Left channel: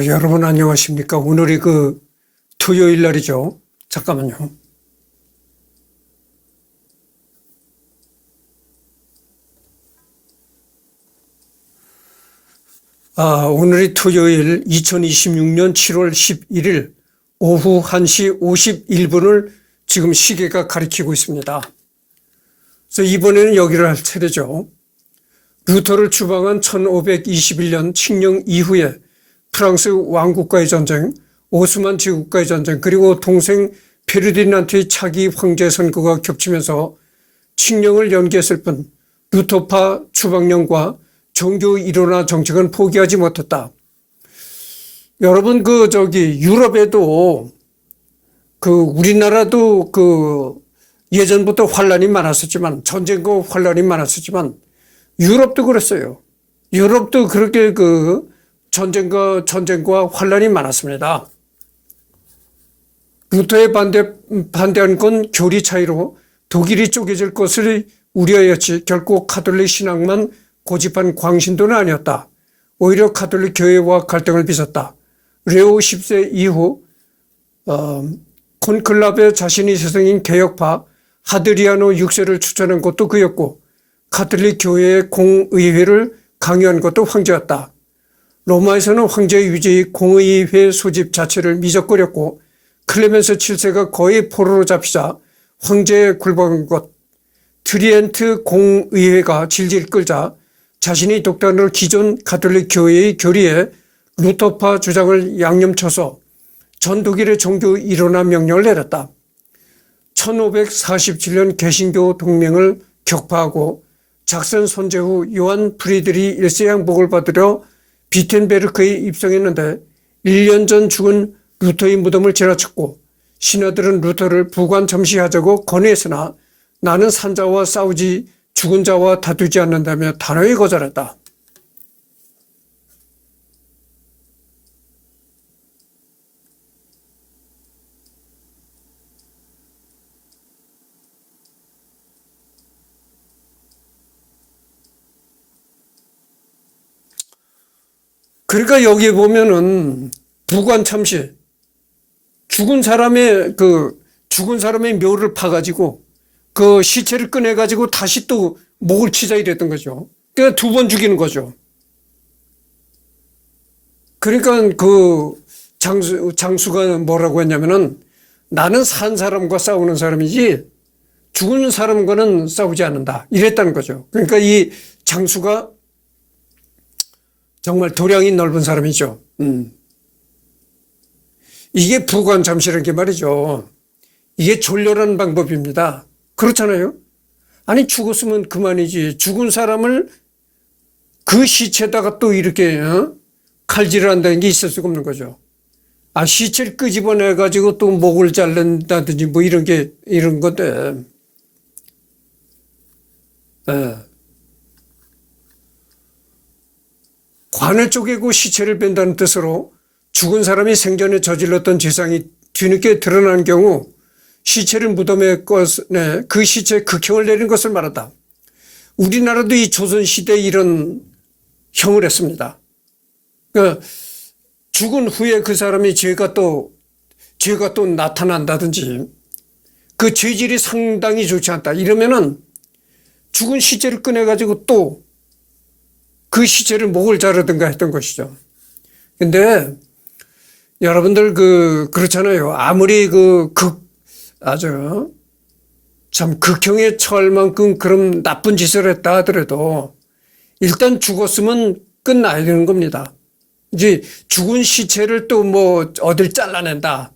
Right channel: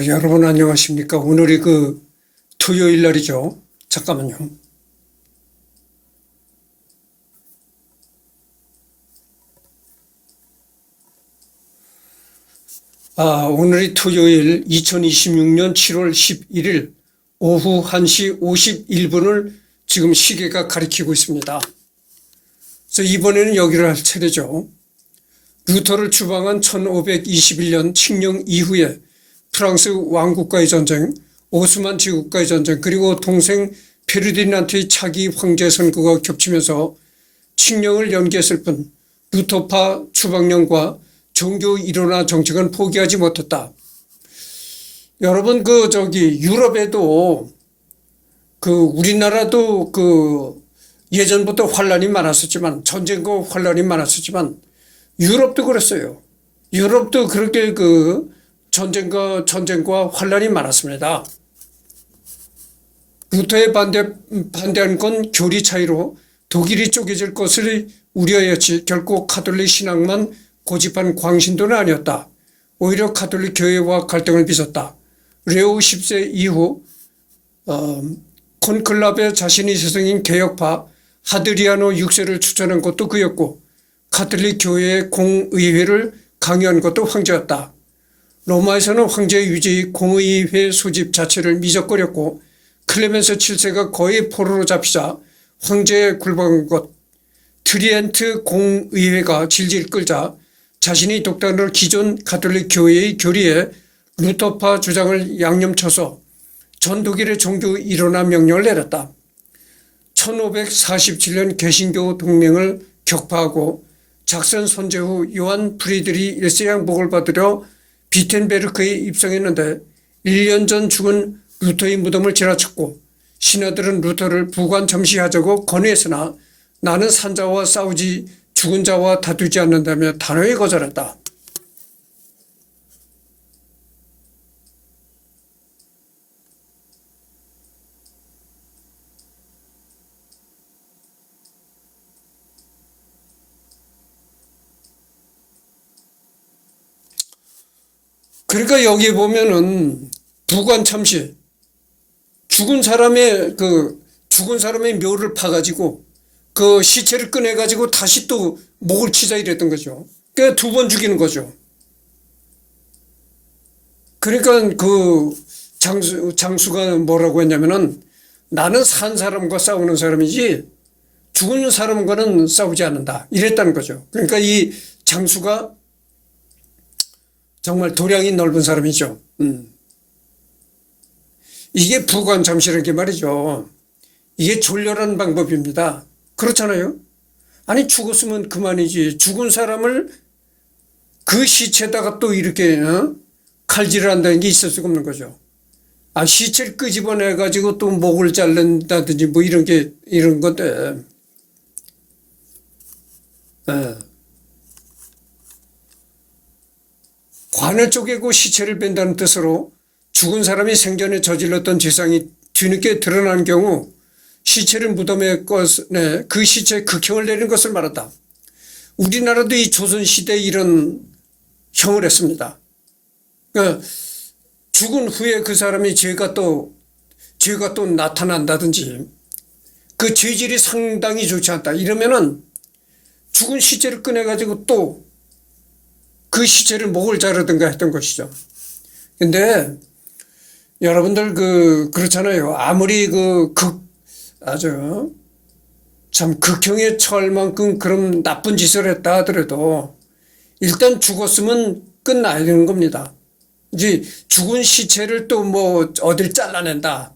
여러분 안녕하십니까? 오늘이 토요일 날이죠. 잠깐만요. 오늘이 토요일 2026년 7월 11일 오후 1시 51분을 지금 시계가 가리키고 있습니다. 그래서 이번에는 여기를 할 차례죠. 루터를 추방한 1521년 칙령 이후에 프랑스 왕국과의 전쟁, 오스만 제국과의 전쟁, 그리고 동생 페르디난트의 차기 황제 선거가 겹치면서 칙령을 연기했을 뿐 루터파 추방령과 종교 일원화 정책은 포기하지 못했다. 여러분 유럽에도 우리나라도 예전부터 환란이 많았었지만 전쟁과 환란이 많았었지만 유럽도 그랬어요. 유럽도 그렇게 전쟁과 환란이 많았습니다. 루터에 반대한 건 교리 차이로 독일이 쪼개질 것을 우려하였지 결코 가톨릭 신앙만 고집한 광신도는 아니었다. 오히려 가톨릭 교회와 갈등을 빚었다. 레오 10세 이후 콘클라베 자신이 스승인 개혁파 하드리아노 6세를 추천한 것도 그였고 가톨릭 교회의 공의회를 강요한 것도 황제였다. 로마에서는 황제 유지의 공의회 소집 자체를 미적거렸고 클레멘스 7세가 거의 포로로 잡히자 황제에 굴복한 것, 트리엔트 공의회가 질질 끌자 자신이 독단으로 기존 가톨릭 교회의 교리에 루터파 주장을 양념쳐서 전 독일의 종교 일원화 명령을 내렸다. 1547년 개신교 동맹을 격파하고 작선 선제 후 요한 프리드리 1세 양복을 받으려 비텐베르크에 입성했는데 1년 전 죽은 루터의 무덤을 지나쳤고 신하들은 루터를 부관 점시하자고 건의했으나 나는 산자와 싸우지 죽은 자와 다투지 않는다며 단호히 거절했다. 그러니까 여기에 보면은 부관 참시 죽은 사람의 묘를 파가지고 그 시체를 꺼내가지고 다시 또 목을 치자 이랬던 거죠. 그러니까 2번 죽이는 거죠. 그러니까 장수가 뭐라고 했냐면은 나는 산 사람과 싸우는 사람이지 죽은 사람과는 싸우지 않는다. 이랬다는 거죠. 그러니까 이 장수가 정말 도량이 넓은 사람이죠. 이게 부관참시라는 게 말이죠. 이게 졸렬한 방법입니다. 그렇잖아요. 아니 죽었으면 그만이지. 죽은 사람을 그 시체에다가 또 이렇게 칼질을 한다는 게 있을 수가 없는 거죠. 시체를 끄집어내 가지고 또 목을 자른다든지 뭐 이런 건데. 예. 관을 쪼개고 시체를 뺀다는 뜻으로 죽은 사람이 생전에 저질렀던 죄상이 뒤늦게 드러난 경우 시체를 무덤에 꺼내 그 시체에 극형을 내린 것을 말한다. 우리나라도 이 조선시대에 이런 형을 했습니다. 그러니까 죽은 후에 그 사람이 죄가 또 나타난다든지 그 죄질이 상당히 좋지 않다. 이러면은 죽은 시체를 꺼내가지고 또 그 시체를 목을 자르든가 했던 것이죠. 근데 여러분들 그렇잖아요. 아무리 아주 참 극형에 처할 만큼 그런 나쁜 짓을 했다 하더라도 일단 죽었으면 끝나야 되는 겁니다. 이제 죽은 시체를 또 뭐 어딜 잘라낸다.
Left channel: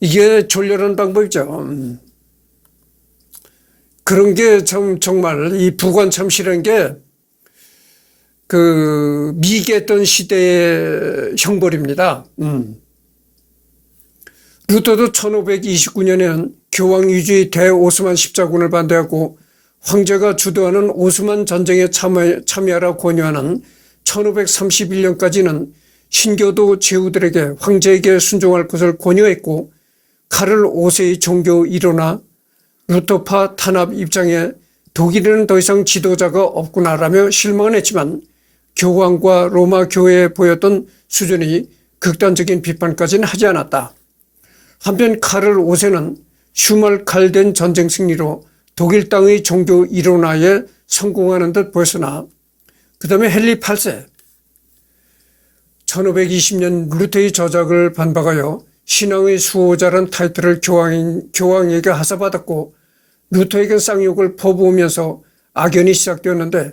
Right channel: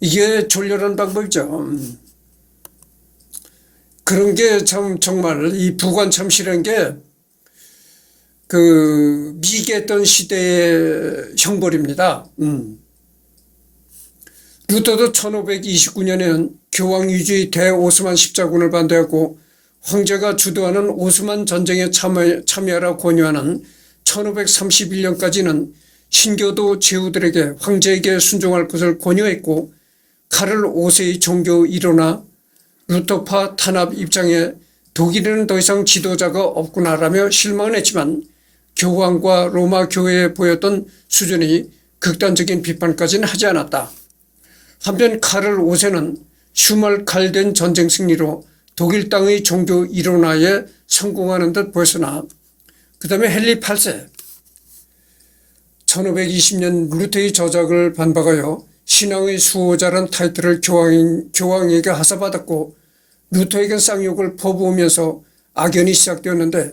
이게 졸렬한 방법이죠. 그런 게 정말 이 부관참시라는 게 미개했던 시대의 형벌입니다. 루터도 1529년에는 교황 위주의 대오스만 십자군을 반대하고 황제가 주도하는 오스만 전쟁에 참여하라 권유하는 1531년까지는 신교도 제후들에게 황제에게 순종할 것을 권유했고 카를 5세의 종교 일원화 루터파 탄압 입장에 독일에는 더 이상 지도자가 없구나라며 실망을 했지만 교황과 로마 교회에 보였던 수준이 극단적인 비판까지는 하지 않았다. 한편 카를 5세는 슈말칼덴 전쟁 승리로 독일 땅의 종교 이론화에 성공하는 듯 보였으나 그 다음에 헨리 8세 1520년 루테의 저작을 반박하여 신앙의 수호자란 타이틀을 교황에게 하사받았고 루터에게 쌍욕을 퍼부으면서 악연이 시작되었는데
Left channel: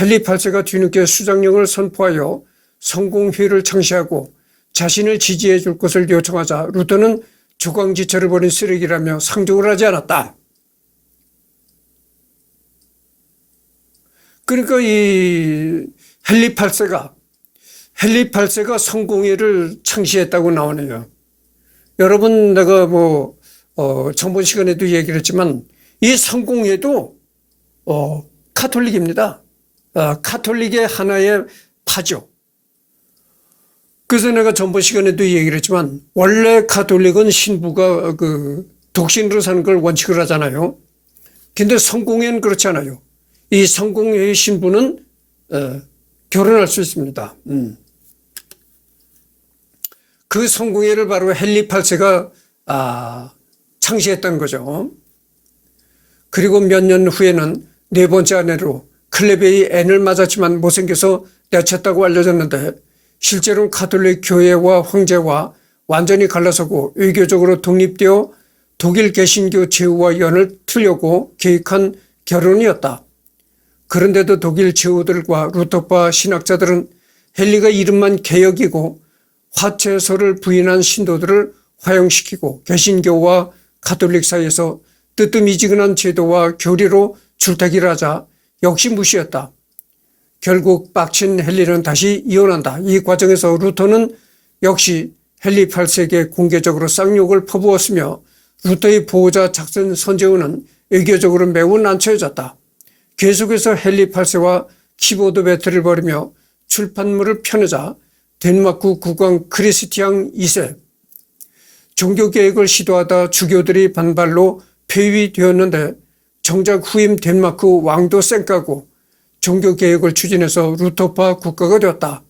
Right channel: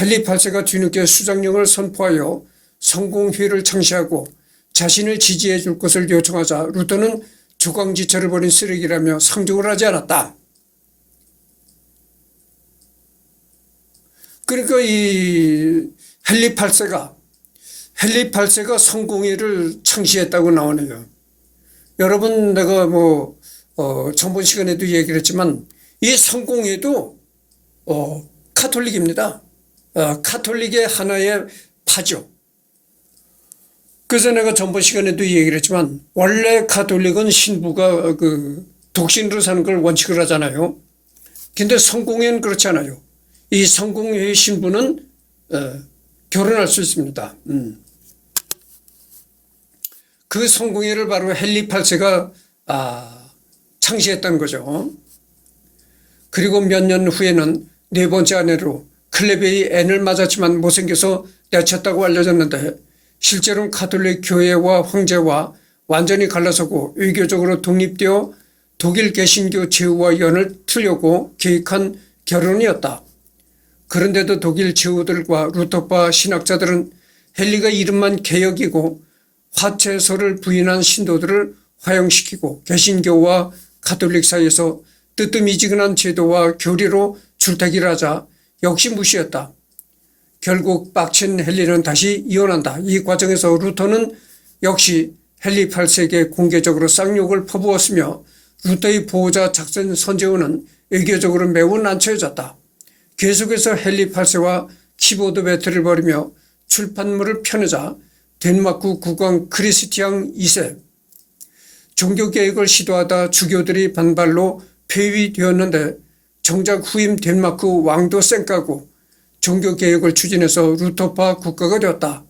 헨리 8세가 뒤늦게 수장령을 선포하여 성공회를 창시하고 자신을 지지해 줄 것을 요청하자 루터는 주광지처를 벌인 쓰레기라며 상종을 하지 않았다. 그러니까 이 헨리 8세가 성공회를 창시했다고 나오네요. 여러분 내가 정본 시간에도 얘기를 했지만 이 성공회도 카톨릭입니다. 카톨릭의 하나의 파죠. 그래서 내가 전번 시간에도 얘기를 했지만 원래 카톨릭은 신부가 독신으로 사는 걸 원칙으로 하잖아요. 근데 성공회는 그렇지 않아요. 이 성공회의 신부는 결혼할 수 있습니다. 그 성공회를 바로 헨리 8세가 창시했다는 거죠. 그리고 몇 년 후에는 네 번째 아내로 클레베의 앤을 맞았지만 못생겨서 내쳤다고 알려졌는데 실제로는 가톨릭 교회와 황제와 완전히 갈라서고 외교적으로 독립되어 독일 개신교 제후와 연을 틀려고 계획한 결혼이었다. 그런데도 독일 제후들과 루터파 신학자들은 헨리가 이름만 개혁이고 화채설을 부인한 신도들을 화형시키고 개신교와 가톨릭 사이에서 뜨뜻미지근한 제도와 교리로 줄타기를 하자 역시 무시했다. 결국 빡친 헨리는 다시 이혼한다. 이 과정에서 루터는 역시 헨리 8세에게 공개적으로 쌍욕을 퍼부었으며 루터의 보호자 작센 선제우는 외교적으로 매우 난처해졌다. 계속해서 헨리 8세와 키보드 배틀을 벌이며 출판물을 펴내자 덴마크 국왕 크리스티앙 2세 종교개혁을 시도하다 주교들이 반발로 폐위되었는데 정작 후임 덴마크 왕도 쌩까고 종교개혁을 추진해서 루터파 국가가 되었다.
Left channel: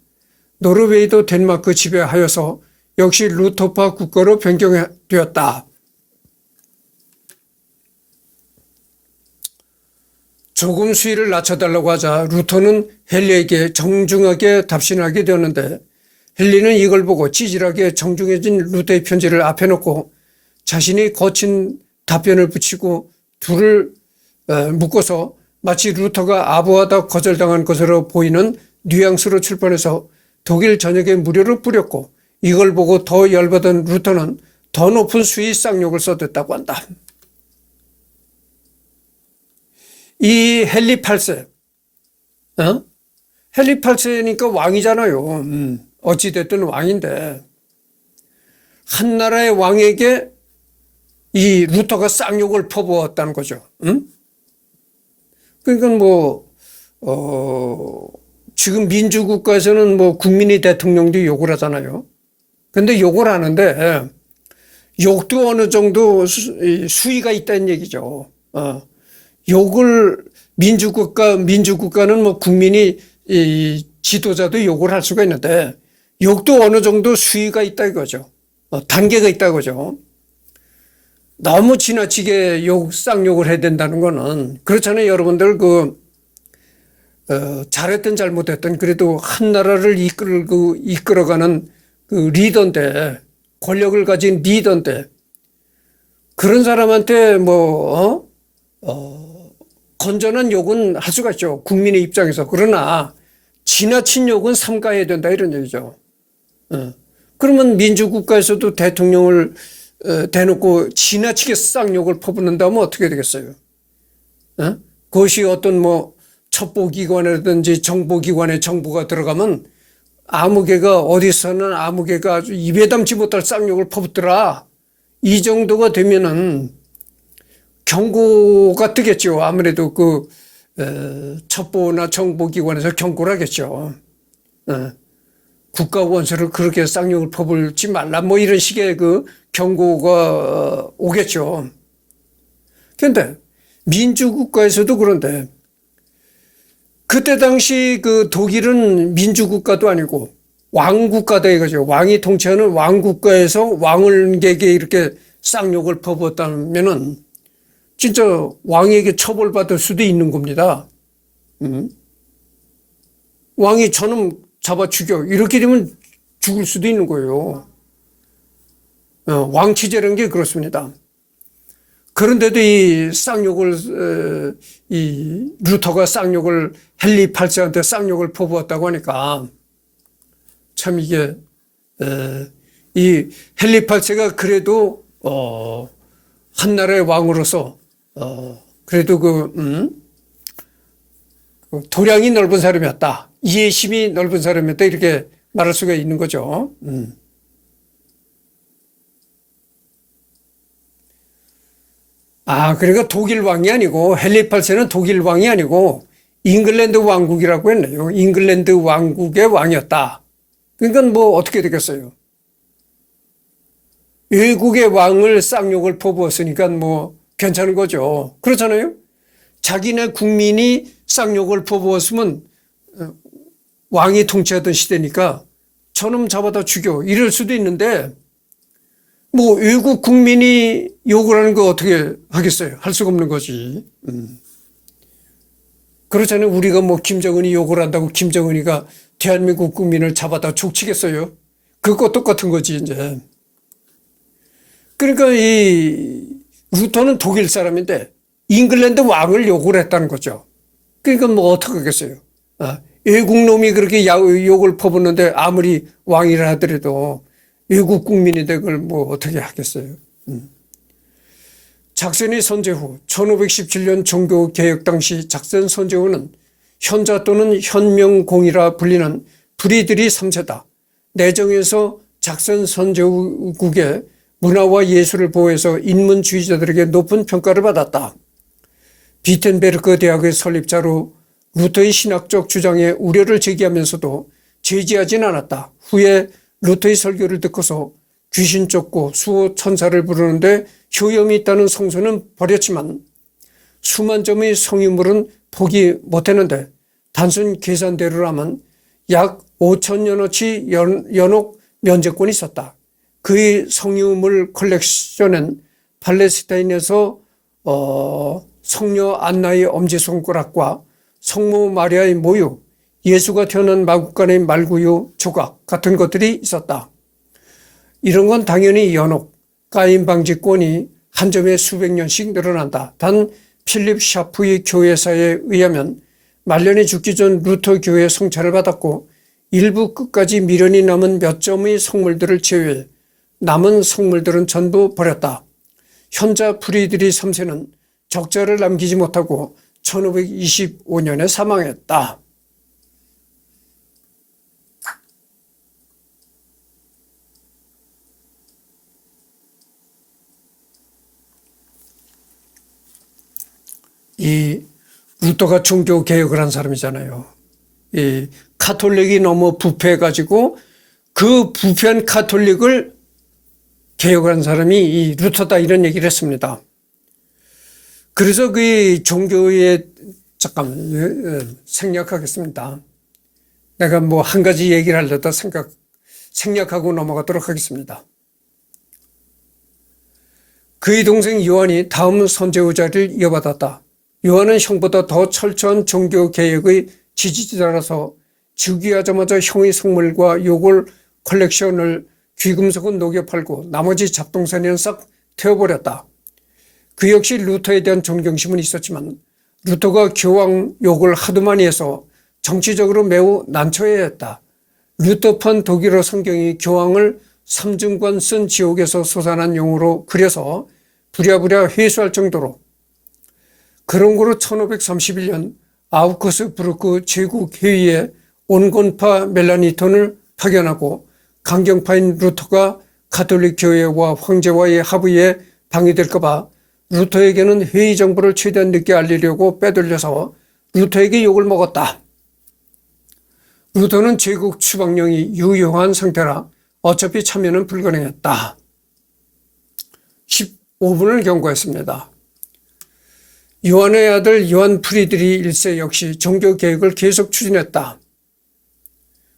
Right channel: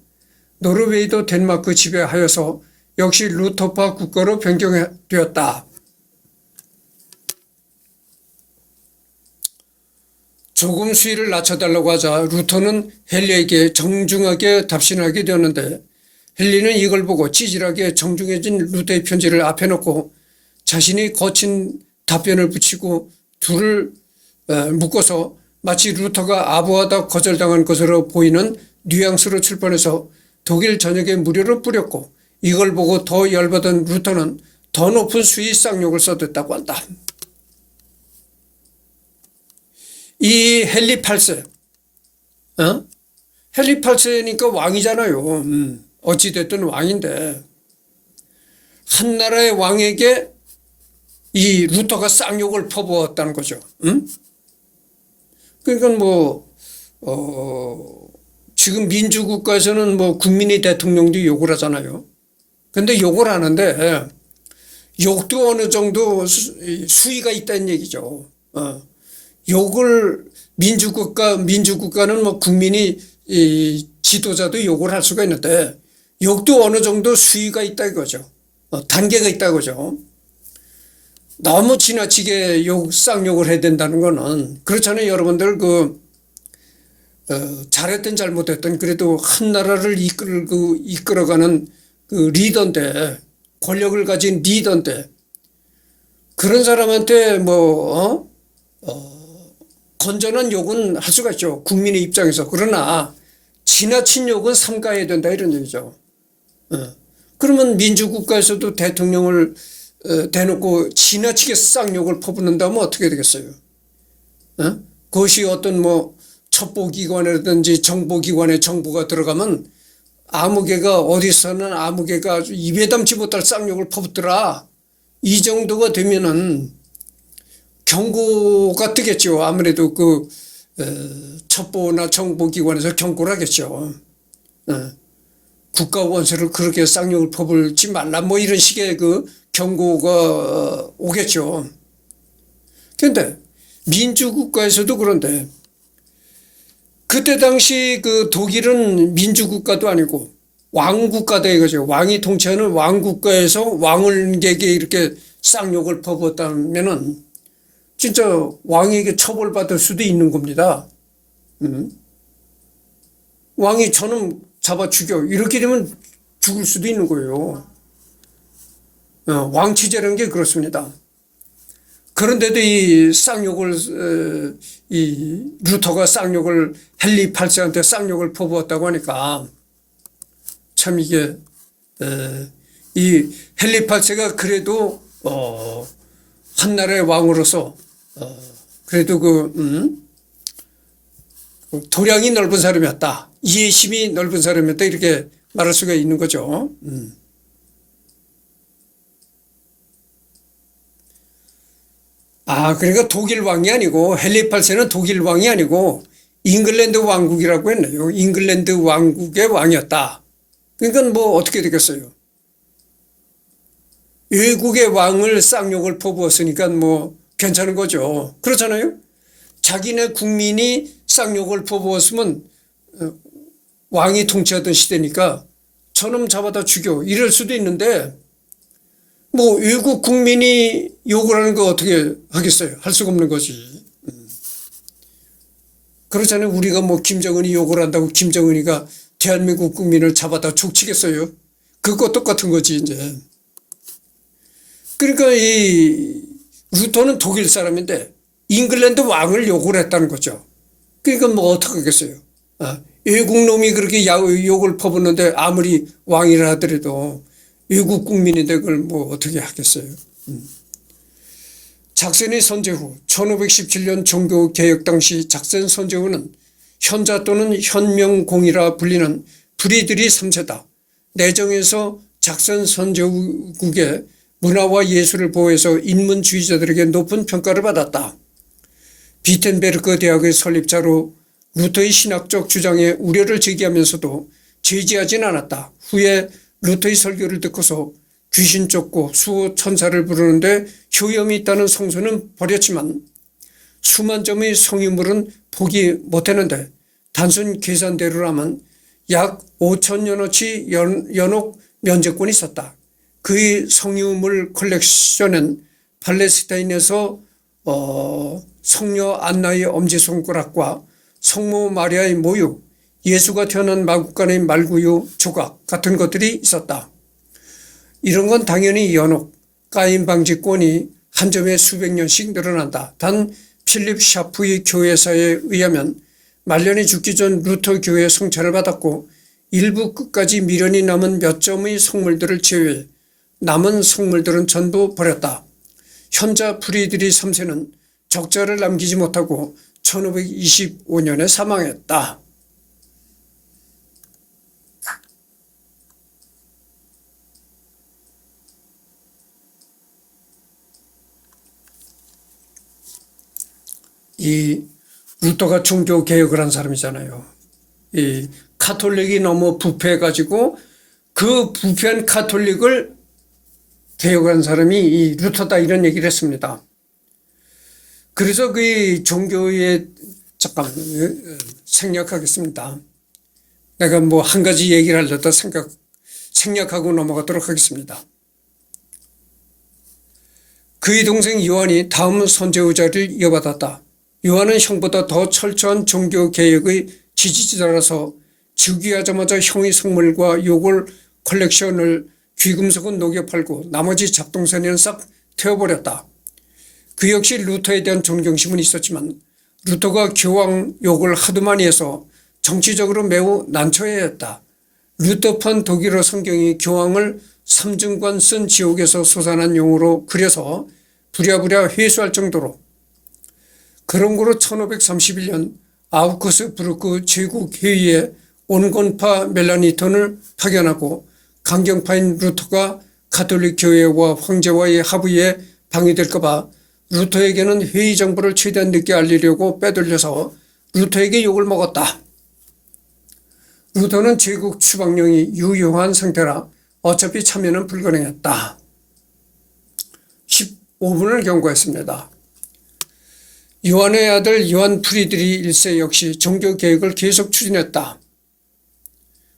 노르웨이도 덴마크 지배하여서 역시 루터파 국가로 변경되었다. 조금 수위를 낮춰달라고 하자 루터는 헨리에게 정중하게 답신하게 되었는데 헨리는 이걸 보고 찌질하게 정중해진 루터의 편지를 앞에 놓고 자신이 거친 답변을 붙이고 둘을 묶어서 마치 루터가 아부하다 거절당한 것으로 보이는 뉘앙스로 출판해서 독일 전역에 무료로 뿌렸고 이걸 보고 더 열받은 루터는 더 높은 수위 쌍욕을 써댔다고 한다. 이 헨리 8세, 헨리 8세니까 왕이잖아요. 어찌됐든 왕인데 한 나라의 왕에게 이 루터가 쌍욕을 퍼부었다는 거죠. 그러니까 지금 민주국가에서는 국민이 대통령도 욕을 하잖아요. 근데 욕을 하는데 욕도 어느 정도 수위가 있다는 얘기죠. 욕을 민주국가는 국민이 지도자도 욕을 할 수가 있는데 욕도 어느 정도 수위가 있다 이거죠. 단계가 있다 이거죠. 너무 지나치게 쌍욕을 해야 된다는 거는 그렇잖아요. 여러분들 잘했든 잘못했든 그래도 한 나라를 이끌어가는 리더인데 권력을 가진 리더인데 그런 사람한테 건전한 욕은 할 수가 있죠. 국민의 입장에서. 그러나 지나친 욕은 삼가해야 된다 이런 얘기죠. 그러면 민주국가에서도 대통령을 대놓고 지나치게 쌍욕을 퍼붓는다면 어떻게 되겠어요? 그것이 어떤 첩보기관이라든지 정보기관에 정보가 들어가면 아무개가 어디서는 아무개가 아주 입에 담지 못할 쌍욕을 퍼붓더라. 이 정도가 되면은 경고가 뜨겠죠. 아무래도 첩보나 정보기관에서 경고를 하겠죠. 국가 원수를 그렇게 쌍욕을 퍼붓지 말라 이런 식의 경고가 오겠죠. 그런데 민주국가에서도 그런데 그때 당시 그 독일은 민주국가도 아니고 왕국가다 이거죠. 왕이 통치하는 왕국가에서 왕을에게 이렇게 쌍욕을 퍼부었다면은 진짜 왕에게 처벌받을 수도 있는 겁니다. 왕이 저놈 잡아 죽여. 이렇게 되면 죽을 수도 있는 거예요. 왕치제라는 게 그렇습니다. 그런데도 이 루터가 헨리 8세한테 쌍욕을 퍼부었다고 하니까 참 이게, 이 헨리 8세가 그래도, 한나라의 왕으로서, 그래도 도량이 넓은 사람이었다. 이해심이 넓은 사람이었다. 이렇게 말할 수가 있는 거죠. 그러니까 독일 왕이 아니고 헨리 8세는 독일 왕이 아니고 잉글랜드 왕국이라고 했네요. 잉글랜드 왕국의 왕이었다. 그러니까 뭐 어떻게 되겠어요. 외국의 왕을 쌍욕을 퍼부었으니까 뭐 괜찮은 거죠. 그렇잖아요. 자기네 국민이 쌍욕을 퍼부었으면 왕이 통치하던 시대니까 저놈 잡아다 죽여 이럴 수도 있는데 뭐 외국 국민이 욕을 하는 거 어떻게 하겠어요? 할 수가 없는 거지. 그렇잖아요. 우리가 뭐 김정은이 욕을 한다고 김정은이가 대한민국 국민을 잡아다 죽치겠어요? 그거 똑같은 거지 이제. 그러니까 이 루터는 독일 사람인데 잉글랜드 왕을 욕을 했다는 거죠. 그러니까 뭐 어떻게 하겠어요? 외국 놈이 그렇게 욕을 퍼붓는데 아무리 왕이라 하더라도 외국 국민인데 그걸 뭐 어떻게 하겠어요. 작센의 선제후 1517년 종교개혁 당시 작센 선제후는 현자 또는 현명공이라 불리는 프리드리 3세다. 내정에서 작센 선제후국의 문화와 예술을 보호해서 인문주의자들에게 높은 평가를 받았다. 비텐베르크 대학의 설립자로 루터의 신학적 주장에 우려를 제기하면서도 제지하진 않았다. 후에 루터의 설교를 듣고서 귀신 쫓고 수호 천사를 부르는데 효염이 있다는 성서는 버렸지만 수만 점의 성유물은 포기 못했는데 단순 계산대로라면 약 5천년어치 연옥 면제권이 있었다. 그의 성유물 컬렉션은 팔레스타인에서 성녀 안나의 엄지손가락과 성모 마리아의 모유, 예수가 태어난 마구간의 말구유 조각 같은 것들이 있었다. 이런 건 당연히 연옥, 까임 방지권이 한 점에 수백 년씩 늘어난다. 단 필립 샤프의 교회사에 의하면 말년에 죽기 전 루터 교회 성찬을 받았고 일부 끝까지 미련이 남은 몇 점의 성물들을 제외해 남은 성물들은 전부 버렸다. 현자 프리드리 3세는 적자를 남기지 못하고 1525년에 사망했다. 이 루터가 종교 개혁을 한 사람이잖아요. 이 카톨릭이 너무 부패해가지고 그 부패한 카톨릭을 개혁한 사람이 이 루터다 이런 얘기를 했습니다. 그래서 그 종교에 잠깐 생략하겠습니다. 내가 뭐 한 가지 얘기를 하려다 생략하고 넘어가도록 하겠습니다. 그의 동생 요한이 다음 선제후자를 이어받았다. 요한은 형보다 더 철저한 종교개혁의 지지자라서 즉위하자마자 형의 성물과 요골 컬렉션을 귀금속은 녹여 팔고 나머지 잡동사니는 싹 태워버렸다. 그 역시 루터에 대한 존경심은 있었지만 루터가 교황 욕을 하도 많이 해서 정치적으로 매우 난처해했다. 루터판 독일어 성경이 교황을 삼중관 쓴 지옥에서 솟아난 용으로 그려서 부랴부랴 회수할 정도로 그런 거로 1531년 아우크스부르크 제국회의에 온건파 멜라니톤을 파견하고 강경파인 루터가 가톨릭 교회와 황제와의 합의에 방해될까 봐 루터에게는 회의 정보를 최대한 늦게 알리려고 빼돌려서 루터에게 욕을 먹었다. 루터는 제국 추방령이 유효한 상태라 어차피 참여는 불가능했다. 15분을 경고했습니다. 요한의 아들 요한 프리드리 1세 역시 종교개혁을 계속 추진했다.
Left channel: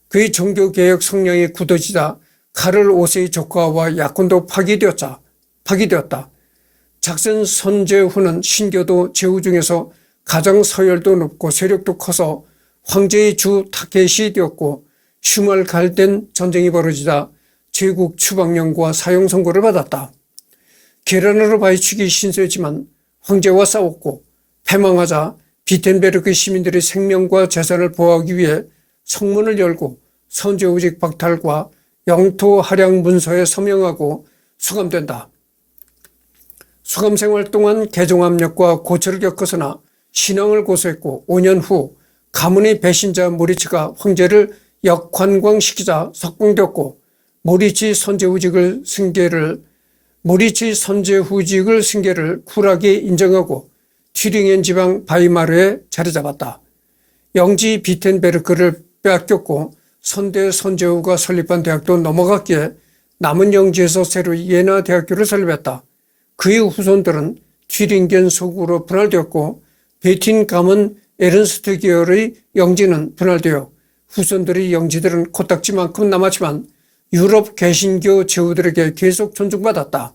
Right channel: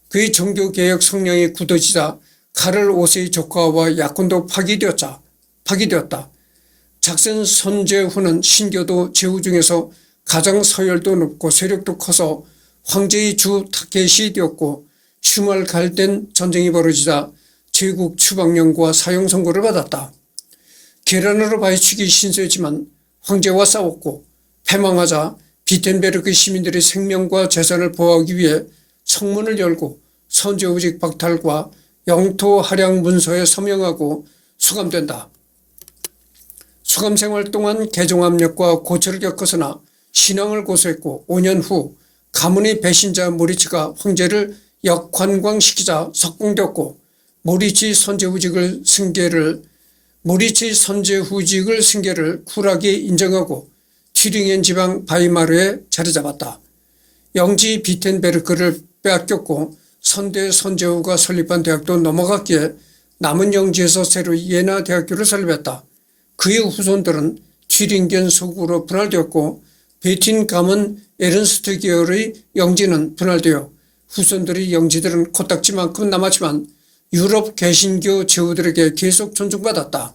그의 종교개혁 성향이 굳어지자 카를 5세의 조카와 약혼도 파기되었다. 작슨 선제후는 신교도 제후 중에서 가장 서열도 높고 세력도 커서 황제의 주 타켓이 되었고 슈말갈덴 전쟁이 벌어지자 제국 추방령과 사형 선고를 받았다. 계란으로 바위치기 신세지만 황제와 싸웠고 패망하자 비텐베르크 시민들의 생명과 재산을 보호하기 위해 성문을 열고 선제후직 박탈과 영토 할양 문서에 서명하고 수감된다. 수감 생활 동안 개종 압력과 고초를 겪었으나 신앙을 고수했고 5년 후 가문의 배신자 모리치가 황제를 역관광시키자 석방되었고 모리치 선제후직을 승계를 쿨하게 인정하고 튜링겐 지방 바이마르에 자리 잡았다. 영지 비텐베르크를 빼앗겼고 선대 선제후가 설립한 대학도 넘어갔기에 남은 영지에서 새로 예나 대학교를 설립했다. 그의 후손들은 튜링겐 소국으로 분할되었고 베틴 가문 에른스트 계열의 영지는 분할되어 후손들의 영지들은 코딱지만큼 남았지만 유럽 개신교 제후들에게 계속 존중받았다.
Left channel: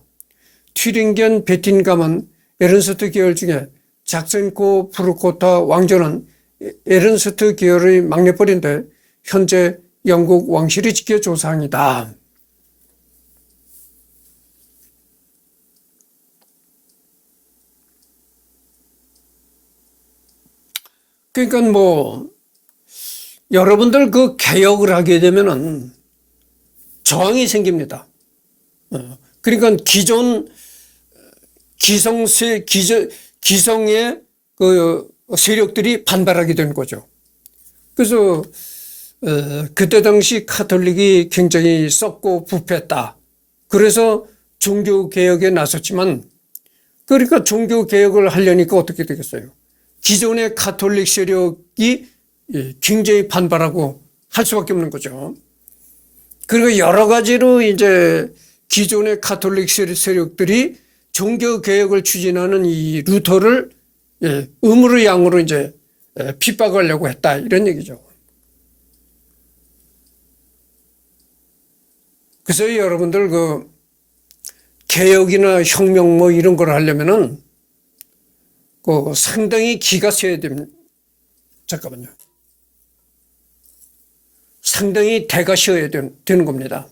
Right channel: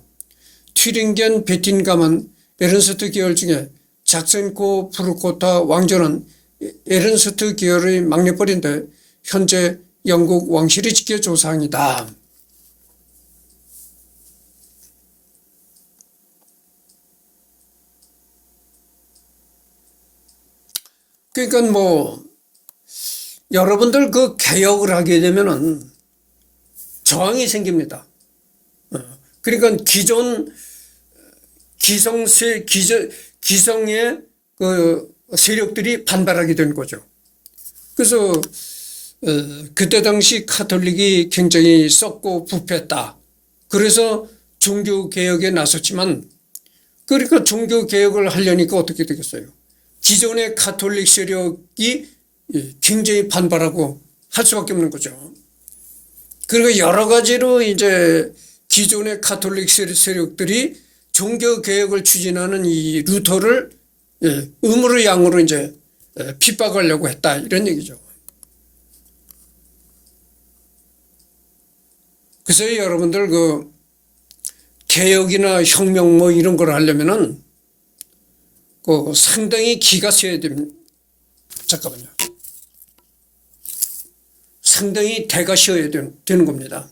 튜링겐 베틴 가문 에른스트 계열 중에 작센코 프루코타 왕조는 에른스트 계열의 막내뻘인데 현재 영국 왕실이 지켜 조상이다. 그러니까 여러분들 그 개혁을 하게 되면은 저항이 생깁니다. 그러니까 기성의 그 세력들이 반발하게 되는 거죠. 그래서 그때 당시 카톨릭이 굉장히 썩고 부패했다. 그래서 종교개혁에 나섰지만 그러니까 종교개혁을 하려니까 어떻게 되겠어요? 기존의 가톨릭 세력이 굉장히 반발하고 할 수밖에 없는 거죠. 그리고 여러 가지로 이제 기존의 가톨릭 세력들이 종교개혁을 추진하는 이 루터를 음으로 양으로 이제 핍박하려고 했다. 이런 얘기죠. 그래서 여러분들 그 개혁이나 혁명 이런 걸 하려면은 그 상당히 기가 세야 됩니다. 잠깐만요. 상당히 대가 씌어야 되는 겁니다.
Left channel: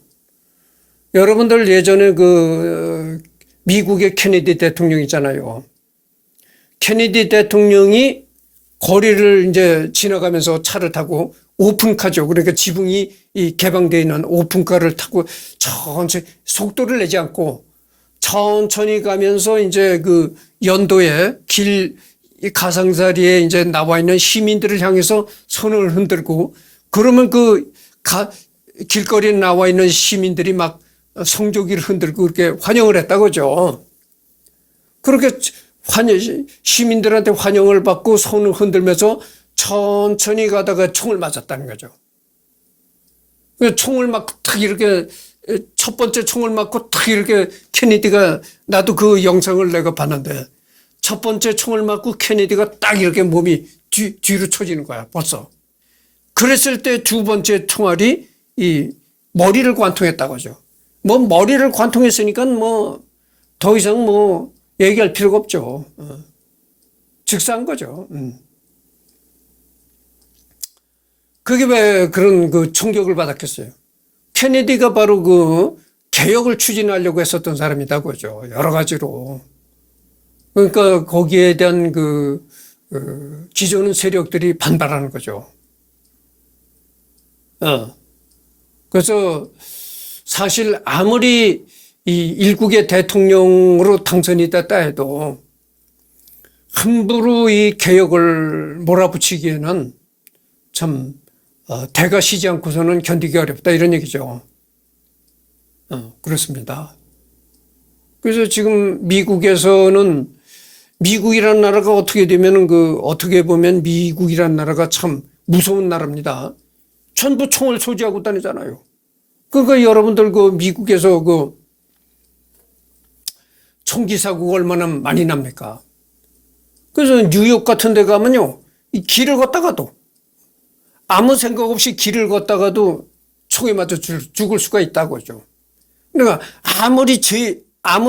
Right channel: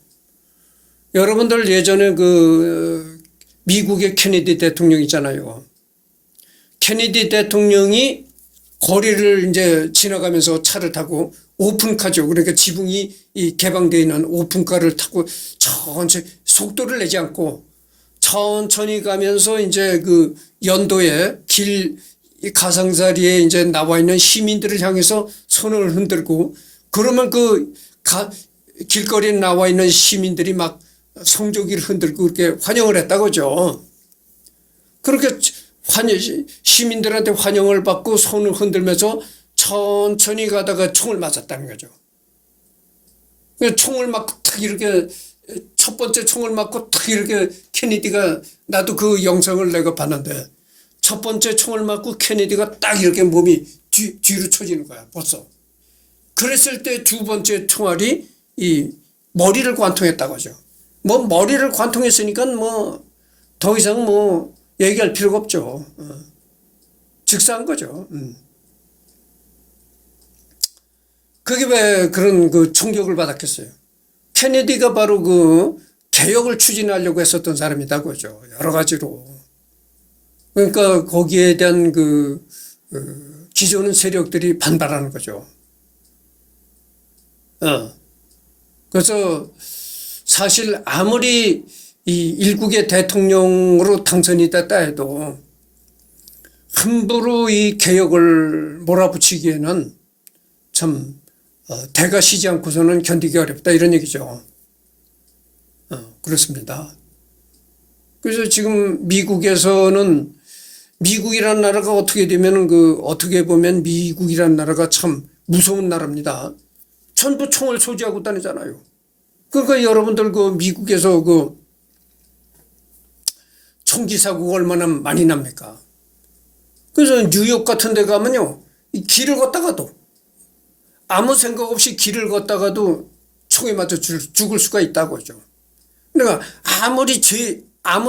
여러분들 예전에 그 미국의 케네디 대통령 있잖아요. 케네디 대통령이 거리를 이제 지나가면서 차를 타고 오픈카죠. 그러니까 지붕이 개방되어 있는 오픈카를 타고 천천히 속도를 내지 않고 천천히 가면서 이제 그 연도에 가상자리에 이제 나와 있는 시민들을 향해서 손을 흔들고 그러면 그 길거리에 나와 있는 시민들이 막 성조기를 흔들고 그렇게 환영을 했다고죠. 그렇게 시민들한테 환영을 받고 손을 흔들면서 천천히 가다가 총을 맞았다는 거죠. 총을 맞고 탁 이렇게 첫 번째 총을 맞고 탁 이렇게 케네디가 나도 그 영상을 내가 봤는데 첫 번째 총을 맞고 케네디가 딱 이렇게 몸이 뒤로 쳐지는 거야 벌써. 그랬을 때 두 번째 총알이 이 머리를 관통했다고 하죠. 머리를 관통했으니까 더 이상 얘기할 필요가 없죠. 즉사한 거죠. 그게 왜 그런 그 충격을 받았겠어요. 케네디가 바로 그 개혁을 추진하려고 했었던 사람이다 그죠. 여러 가지로. 그러니까 거기에 대한 그 기존 세력들이 반발하는 거죠. 그래서 사실 아무리 이 일국의 대통령으로 당선이 됐다 해도 함부로 이 개혁을 몰아붙이기에는 참 대가 시지 않고서는 견디기 어렵다 이런 얘기죠. 그렇습니다. 그래서 지금 미국에서는 미국이라는 나라가 어떻게 되면은 어떻게 보면 미국이라는 나라가 참 무서운 나라입니다. 전부 총을 소지하고 다니잖아요. 그러니까 여러분들 미국에서 총기 사고가 얼마나 많이 납니까? 그래서 뉴욕 같은 데 가면요, 이 길을 걷다가도 아무 생각 없이 길을 걷다가도 총에 맞아 죽을 수가 있다고 하죠. 그러니까 아무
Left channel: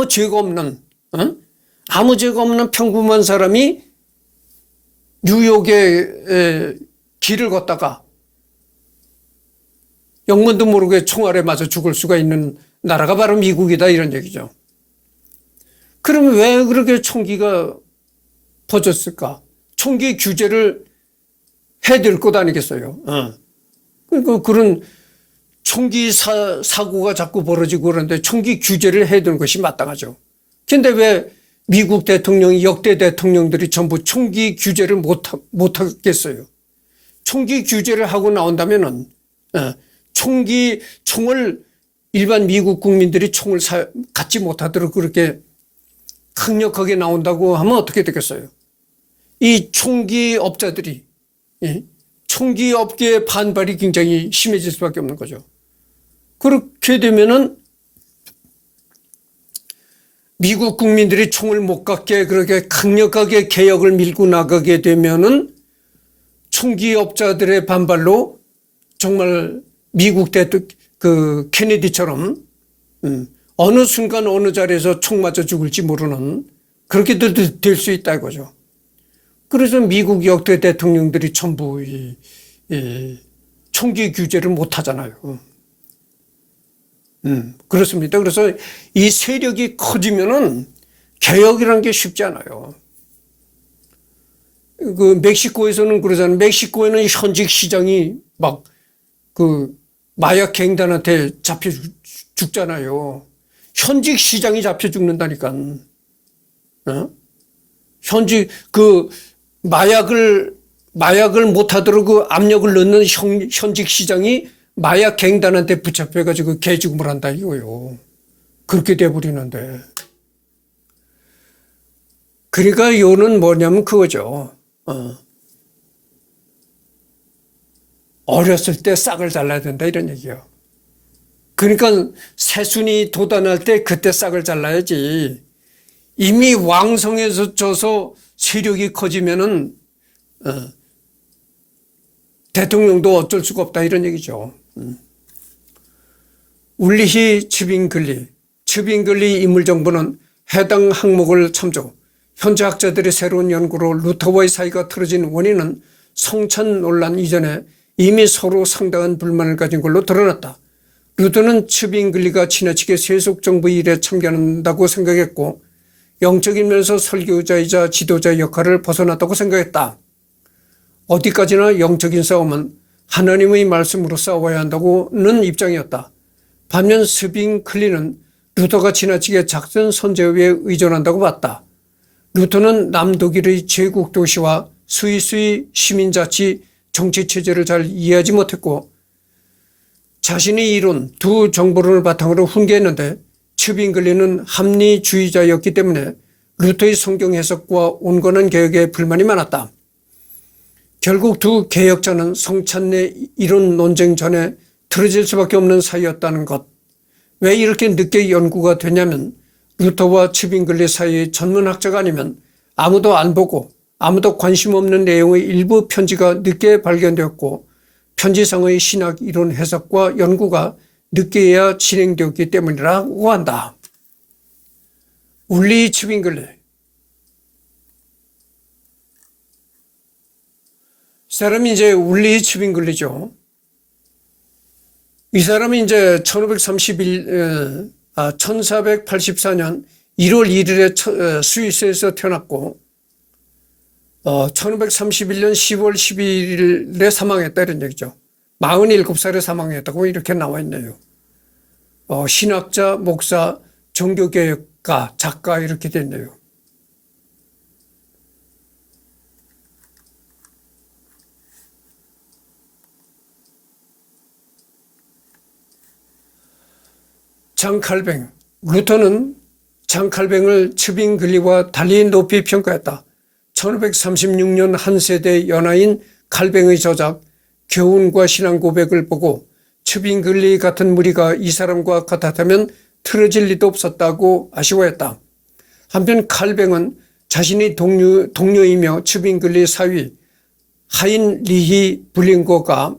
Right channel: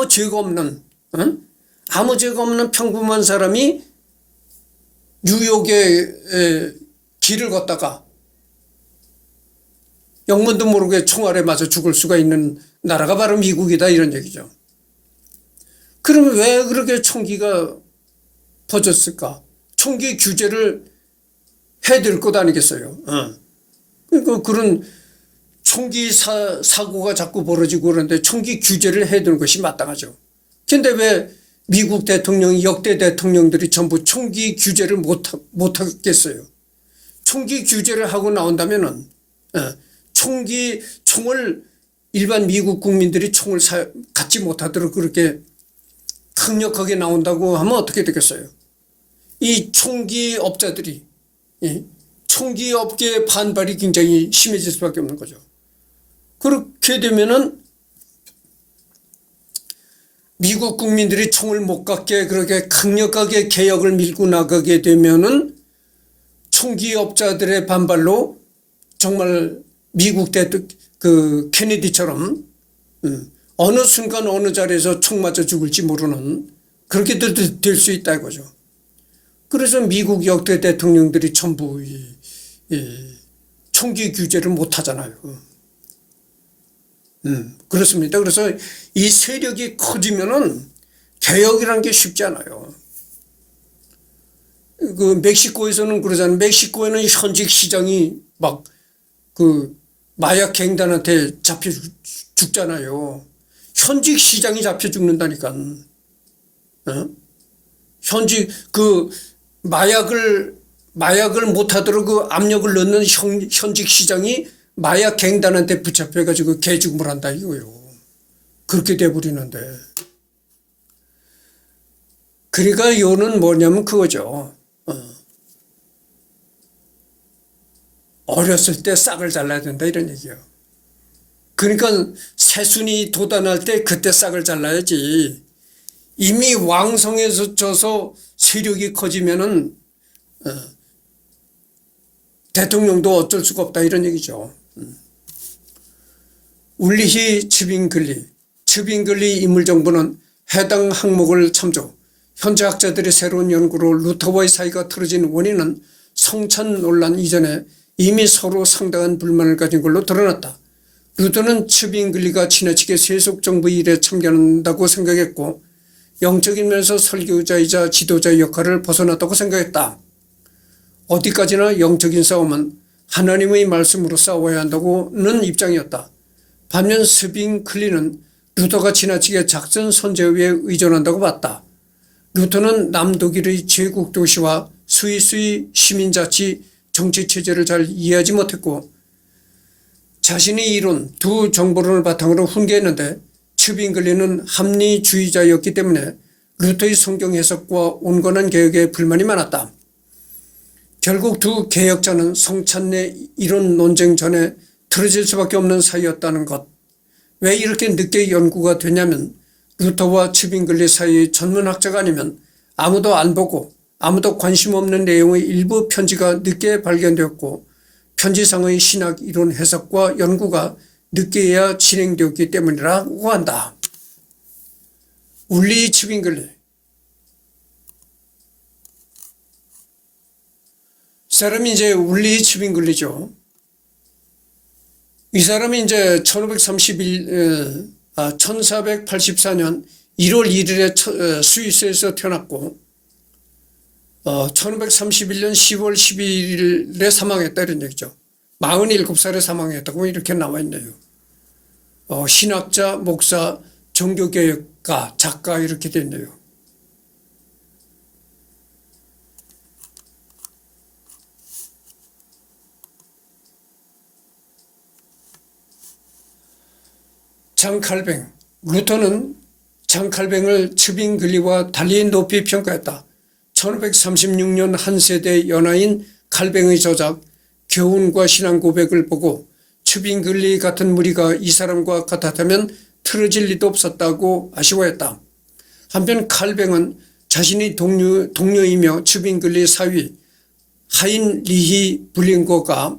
죄가 없는, 아무 죄가 없는 평범한 사람이 뉴욕에 길을 걷다가 영문도 모르게 총알에 맞아 죽을 수가 있는 나라가 바로 미국이다, 이런 얘기죠. 그러면 왜 그렇게 총기가 퍼졌을까? 총기 규제를 해야 것 아니겠어요? 그러니까 그런 총기 사고가 자꾸 벌어지고 그러는데 총기 규제를 해야 되는 것이 마땅하죠. 근데 왜 미국 대통령이, 역대 대통령들이 전부 총기 규제를 못하겠어요? 총기 규제를 하고 나온다면은, 총을 일반 미국 국민들이 총을 갖지 못하도록 그렇게 강력하게 나온다고 하면 어떻게 되겠어요? 이 총기 업자들이, 총기 업계의 반발이 굉장히 심해질 수밖에 없는 거죠. 그렇게 되면은 미국 국민들이 총을 못 갖게 그렇게 강력하게 개혁을 밀고 나가게 되면은 총기 업자들의 반발로 정말 미국 케네디처럼 어느 순간 어느 자리에서 총 맞아 죽을지 모르는 그렇게 될 수 있다 이거죠. 그래서 미국 역대 대통령들이 전부 총기 규제를 못 하잖아요. 그렇습니다. 그래서 이 세력이 커지면은 개혁이라는 게 쉽지 않아요. 그 멕시코에서는 그러잖아요. 멕시코에는 현직 시장이 막 그 마약 갱단한테 잡혀 죽잖아요. 현직 시장이 잡혀 죽는다니까. 현직 마약을 못하도록 그 압력을 넣는 현직 시장이 마약 갱단한테 붙잡혀가지고 개죽음을 한다 이거요. 그렇게 돼버리는데. 그러니까 요는 뭐냐면 그거죠. 어렸을 때 싹을 잘라야 된다 이런 얘기예요. 그러니까 새순이 돋아날 때 그때 싹을 잘라야지. 이미 왕성해져서 세력이 커지면은 대통령도 어쩔 수가 없다 이런 얘기죠. 울리히 츠빙글리 인물정보는 해당 항목을 참조. 현재 학자들의 새로운 연구로 루터와의 사이가 틀어진 원인은 성찬 논란 이전에 이미 서로 상당한 불만을 가진 걸로 드러났다. 루터는 츠빙글리가 지나치게 세속정부 일에 참견한다고 생각했고 영적인 면에서 설교자이자 지도자의 역할을 벗어났다고 생각했다. 어디까지나 영적인 싸움은 하나님의 말씀으로 싸워야 한다고는 입장이었다. 반면 스빙클리는 루터가 지나치게 작전 선제에 의존한다고 봤다. 루터는 남독일의 제국 도시와 스위스의 시민자치 정치체제를 잘 이해하지 못했고 자신의 이론 두 정보론을 바탕으로 훈계했는데 츠빙글리는 합리주의자였기 때문에 루터의 성경 해석과 온건한 개혁에 불만이 많았다. 결국 두 개혁자는 성찬내 이론 논쟁 전에 틀어질 수밖에 없는 사이였다는 것. 왜 이렇게 늦게 연구가 되냐면 루터와 츠빙글리 사이의 전문학자가 아니면 아무도 안 보고 아무도 관심 없는 내용의 일부 편지가 늦게 발견되었고 편지상의 신학 이론 해석과 연구가 늦게야 진행되었기 때문이라고 한다. 울리 츠빙글리. 사람이 이제 울리 츠빙글리죠. 이 사람이 이제 1484년 1월 1일에 스위스에서 태어났고 1531년 10월 12일에 사망했다 이런 얘기죠. 47살에 사망했다고 이렇게 나와 있네요. 신학자, 목사, 종교개혁가, 작가 이렇게 됐네요. 장칼뱅. 루터는 장칼뱅을 츠빙글리와 달리 높이 평가했다. 1536년 한 세대 연하인 칼뱅의 저작 교훈과 신앙 고백을 보고 츠빙글리 같은 무리가 이 사람과 같았다면 틀어질 리도 없었다고 아쉬워했다. 한편 칼뱅은 자신의 동료이며 츠빙글리 사위 하인리히 블링거가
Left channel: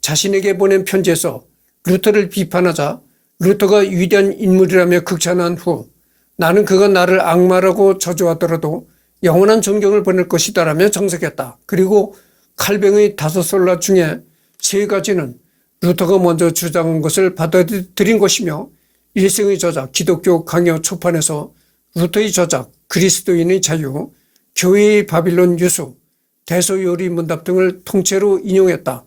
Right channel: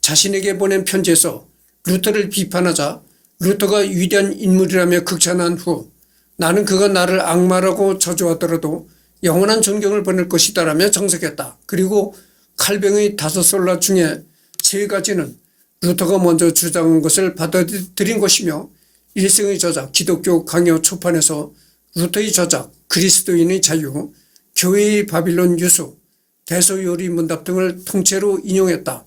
자신에게 보낸 편지에서 루터를 비판하자 루터가 위대한 인물이라며 극찬한 후 나는 그가 나를 악마라고 저주하더라도 영원한 존경을 보낼 것이다라며 정색했다. 그리고 칼뱅의 5솔라 중에 3가지는 루터가 먼저 주장한 것을 받아들인 것이며 일생의 저작 기독교 강요 초판에서 루터의 저작 그리스도인의 자유, 교회의 바빌론 유수, 대소요리 문답 등을 통째로 인용했다.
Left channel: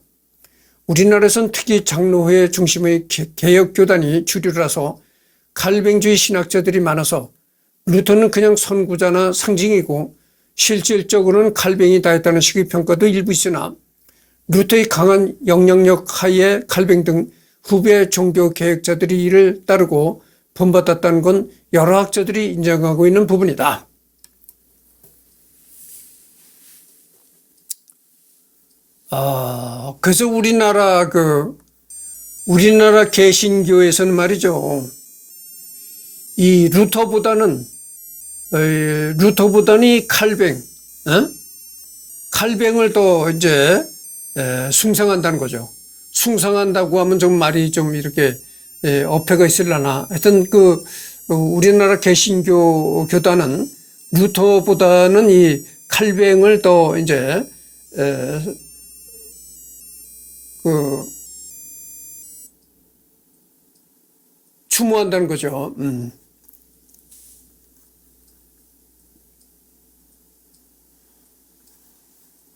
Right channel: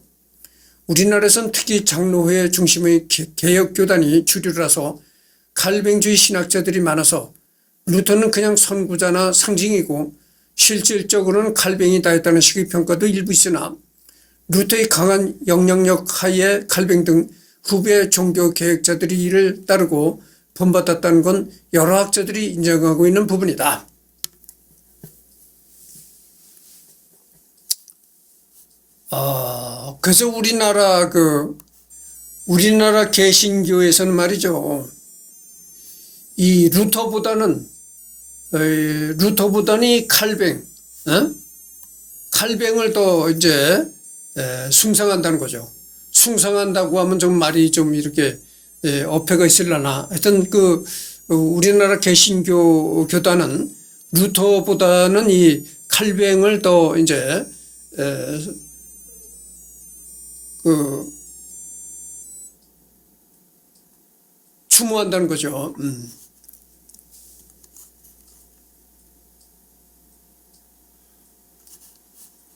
우리나라에선 특히 장로회 중심의 개혁교단이 주류라서 칼뱅주의 신학자들이 많아서 루터는 그냥 선구자나 상징이고 실질적으로는 칼뱅이 다했다는 식의 평가도 일부 있으나 루터의 강한 영향력 하에 칼뱅 등 후배 종교개혁자들이 이를 따르고 본받았다는 건 여러 학자들이 인정하고 있는 부분이다. 그래서 우리나라 개신교에서는 말이죠. 이 루터보다는 이 칼뱅을 더 이제 숭상한다는 거죠. 숭상한다고 하면 좀 말이 좀 이렇게 어폐가 있으려나. 하여튼 우리나라 개신교 교단은 루터보다는 이 칼뱅을 더 이제 추모한다는 거죠.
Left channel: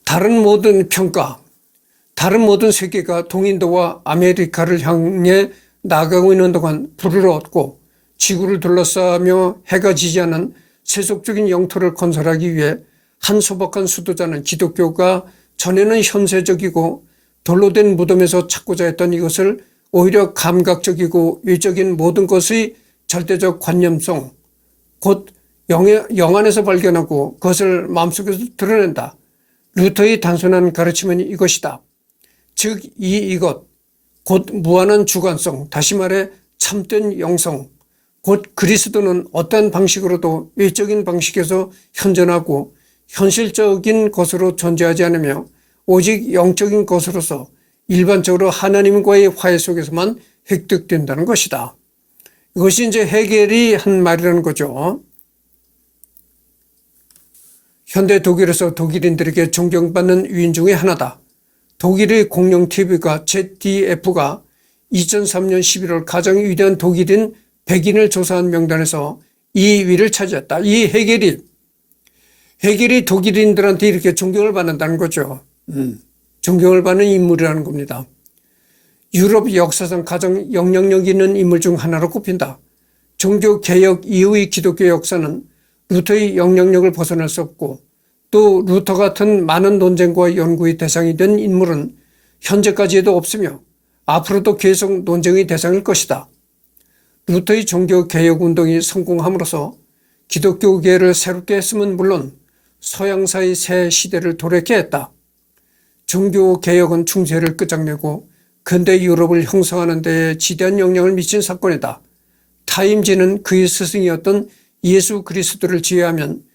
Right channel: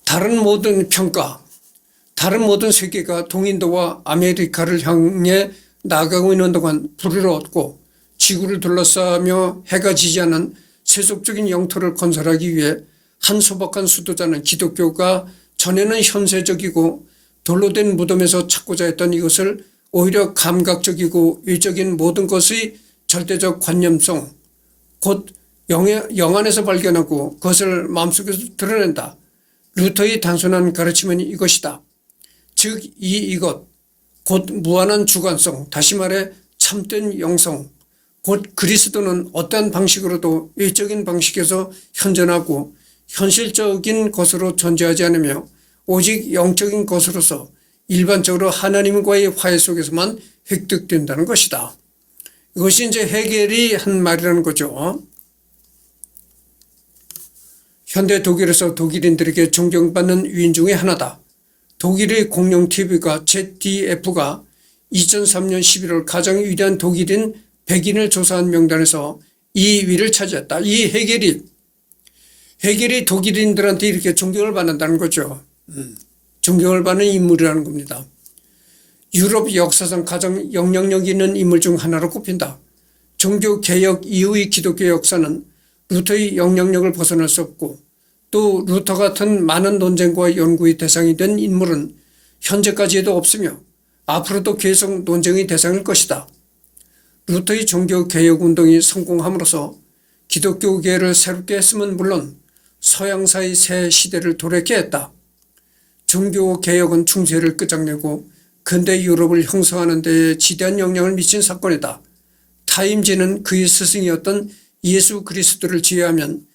다른 모든 세계가 동인도와 아메리카를 향해 나아가고 있는 동안 불을 얻고 지구를 둘러싸며 해가 지지 않는 세속적인 영토를 건설하기 위해 한 소박한 수도자는 기독교가 전에는 현세적이고 돌로 된 무덤에서 찾고자 했던 이것을 오히려 감각적이고 외적인 모든 것의 절대적 관념성, 곧 영안에서 발견하고 그것을 마음속에서 드러낸다. 루터의 단순한 가르침은 이것이다. 즉 이것, 곧 무한한 주관성, 다시 말해 참된 영성, 곧 그리스도는 어떠한 방식으로도 외적인 방식에서 현존하고 현실적인 것으로 존재하지 않으며 오직 영적인 것으로서 일반적으로 하나님과의 화해 속에서만 획득된다는 것이다. 이것이 이제 헤겔이 한 말이라는 거죠. 현대 독일에서 독일인들에게 존경받는 위인 중에 하나다. 독일의 공영 TV가 ZDF가 2003년 11월 가장 위대한 독일인 100인을 조사한 명단에서 2위를 차지했다. 이 헤겔이 독일인들한테 이렇게 존경을 받는다는 거죠. 존경을 받는 인물이라는 겁니다. 유럽 역사상 가장 영향력 있는 인물 중 하나로 꼽힌다. 종교개혁 이후의 기독교 역사는 루터의 영향력을 벗어날 수 없고 또 루터 같은 많은 논쟁과 연구의 대상이 된 인물은 현재까지도 없으며 앞으로도 계속 논쟁의 대상일 것이다. 루터의 종교개혁운동이 성공함으로써 기독교계를 새롭게 했음은 물론 서양사의 새 시대를 도래케 했다. 종교개혁은 중세를 끝장내고 근대 유럽을 형성하는 데 지대한 영향을 미친 사건이다. 타임지는 그의 스승이었던 예수 그리스도를 제외하면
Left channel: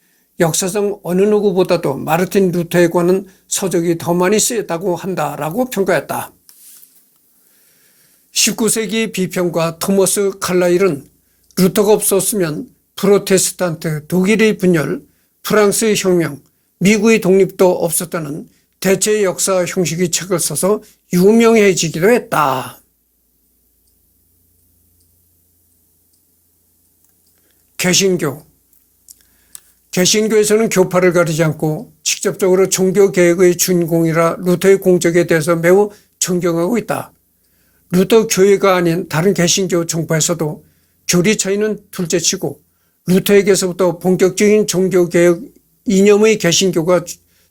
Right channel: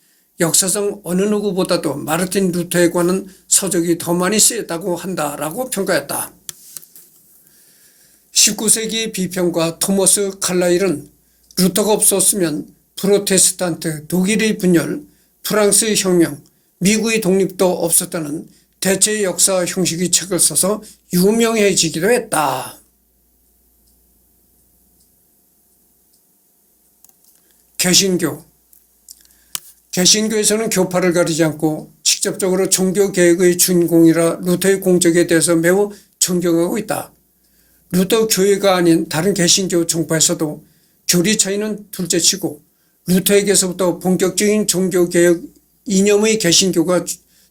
역사상 어느 누구보다도 마르틴 루터에 관한 서적이 더 많이 쓰였다고 한다라고 평가했다. 19세기 비평가 토머스 칼라일은 루터가 없었으면 프로테스탄트, 독일의 분열, 프랑스의 혁명, 미국의 독립도 없었다는 대체 역사 형식의 책을 써서 유명해지기도 했다. 개신교에서는 교파를 가리지 않고 직접적으로 종교개혁의 주인공이라 루터의 공적에 대해서 매우 존경하고 있다. 루터 교회가 아닌 다른 개신교 종파에서도 교리 차이는 둘째치고 루터에게서부터 본격적인 종교개혁 이념의 개신교가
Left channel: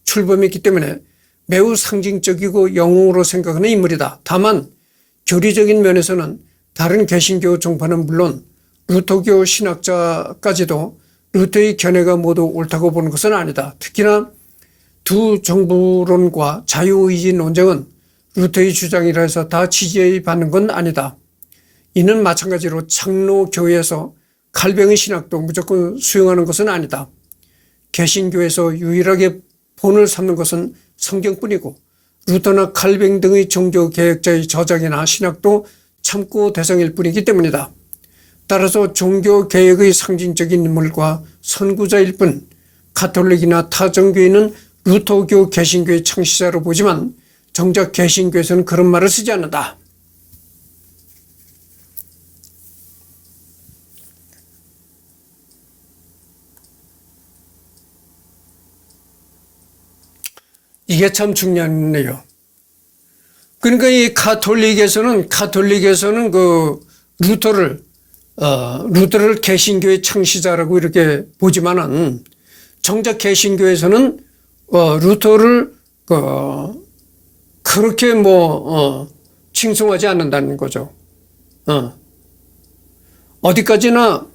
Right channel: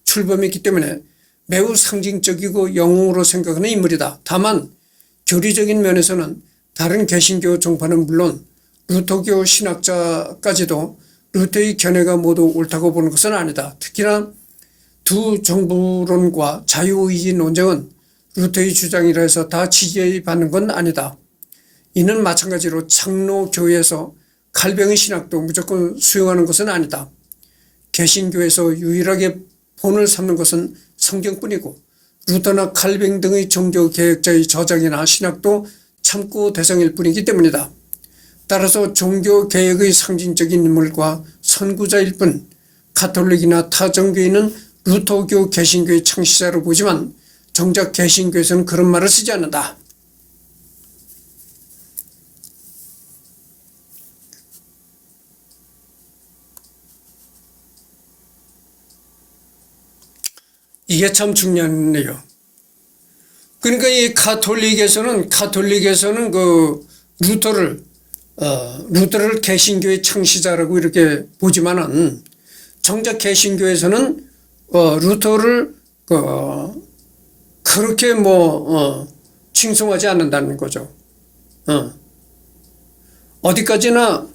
출범했기 때문에 매우 상징적이고 영웅으로 생각하는 인물이다. 다만 교리적인 면에서는 다른 개신교 종파는 물론 루터교 신학자까지도 루터의 견해가 모두 옳다고 보는 것은 아니다. 특히나 두 정부론과 자유의지 논쟁은 루터의 주장이라 해서 다 지지받는 건 아니다. 이는 마찬가지로 장로교회에서 칼뱅의 신학도 무조건 수용하는 것은 아니다. 개신교에서 유일하게 본을 삼는 것은 성경뿐이고 루터나 칼뱅 등의 종교개혁자의 저작이나 신학도 참고 대상일 뿐이기 때문이다. 따라서 종교개혁의 상징적인 인물과 선구자일 뿐 가톨릭이나 타 종교인은 루터교 개신교의 창시자로 보지만 정작 개신교에서는 그런 말을 쓰지 않는다. 이게 참 중요하네요. 그러니까 이 가톨릭에서는 그 루터를 개신교의 창시자라고 이렇게 보지만은 정작 개신교에서는 루터를 그렇게 칭송하지 않는다는 거죠. 어디까지나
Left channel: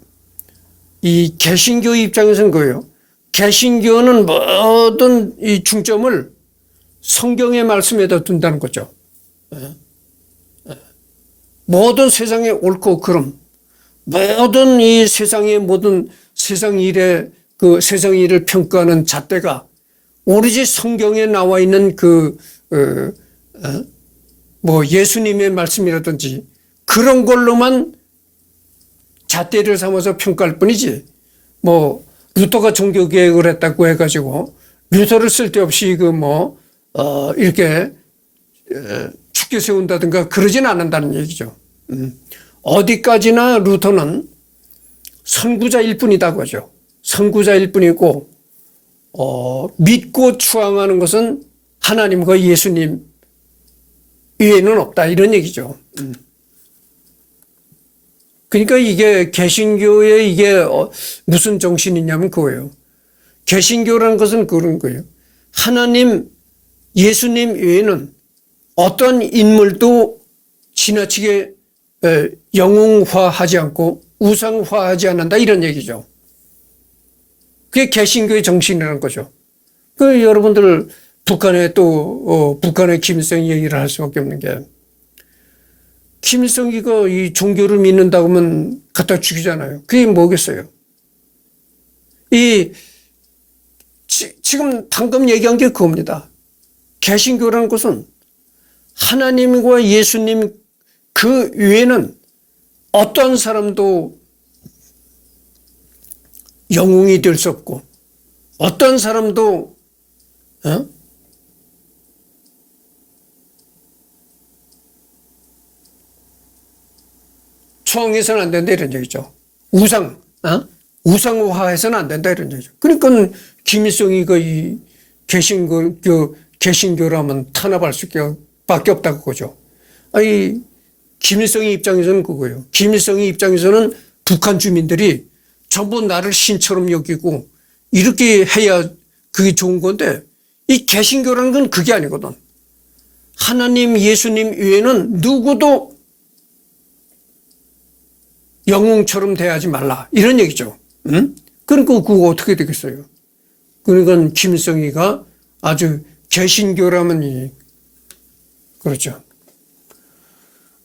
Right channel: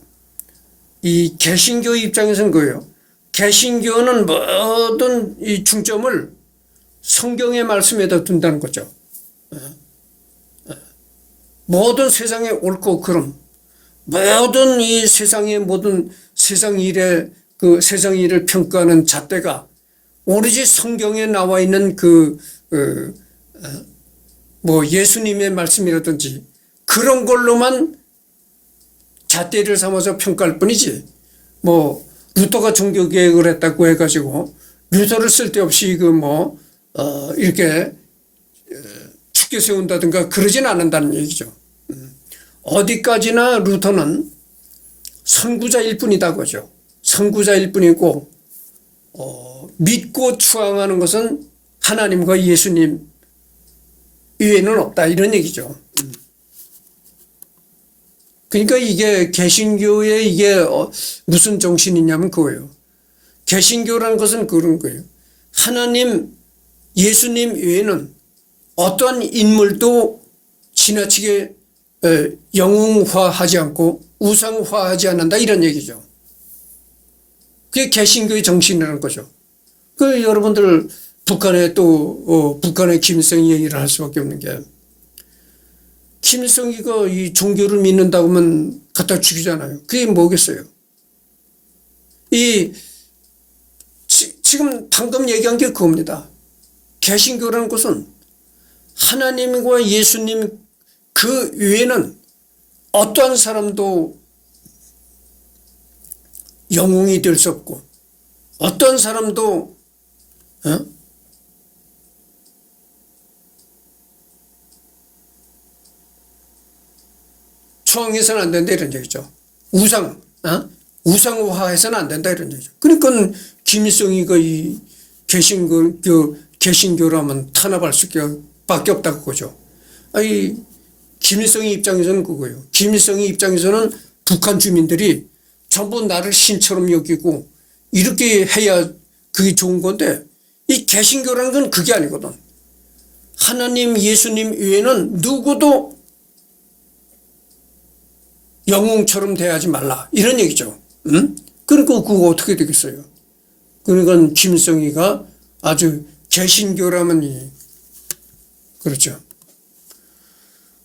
이 개신교 입장에서는 그예요. 개신교는 모든 이 중점을 성경의 말씀에다 둔다는 거죠. 모든 세상의 옳고 그름, 모든 이 세상의 모든 세상 일의 세상 일을 평가하는 잣대가 오로지 성경에 나와 있는 예수님의 말씀이라든지 그런 걸로만 잣대를 삼아서 평가할 뿐이지, 루터가 종교개혁을 했다고 해가지고 루터를 쓸데없이 이렇게 축켜 세운다든가 그러진 않는다는 얘기죠. 어디까지나 루터는 선구자일 뿐이다 그죠. 선구자일 뿐이고 믿고 추앙하는 것은 하나님과 예수님 외에는 없다 이런 얘기죠. 그러니까 이게 개신교의 이게 무슨 정신이냐면 그거예요. 개신교라는 것은 그런 거예요. 하나님, 예수님 외에는 어떤 인물도 지나치게 영웅화하지 않고 우상화하지 않는다 이런 얘기죠. 그게 개신교의 정신이라는 거죠. 여러분들 북한의 김일성이 얘기를 할 수밖에 없는 게, 김일성이가 이 종교를 믿는다고 하면 갖다 죽이잖아요. 그게 뭐겠어요? 지금 방금 얘기한 게 그겁니다. 개신교라는 것은 하나님과 예수님 그 외에는 어떠한 사람도 영웅이 될 수 없고 어떤 사람도 추앙해서는 안 된다 이런 얘기죠. 우상화해서는 안 된다 이런 얘기죠. 그러니까 김일성이가 이 개신교라면 탄압할 수밖에 없다고 그거죠. 김일성의 입장에서는 그거예요. 김일성의 입장에서는 북한 주민들이 전부 나를 신처럼 여기고 이렇게 해야 그게 좋은 건데, 이 개신교라는 건 그게 아니거든. 하나님, 예수님 외에는 누구도 영웅처럼 대하지 말라 이런 얘기죠. 그러니까 그거 어떻게 되겠어요? 그러니까 김일성이가 아주 개신교라면 그렇죠.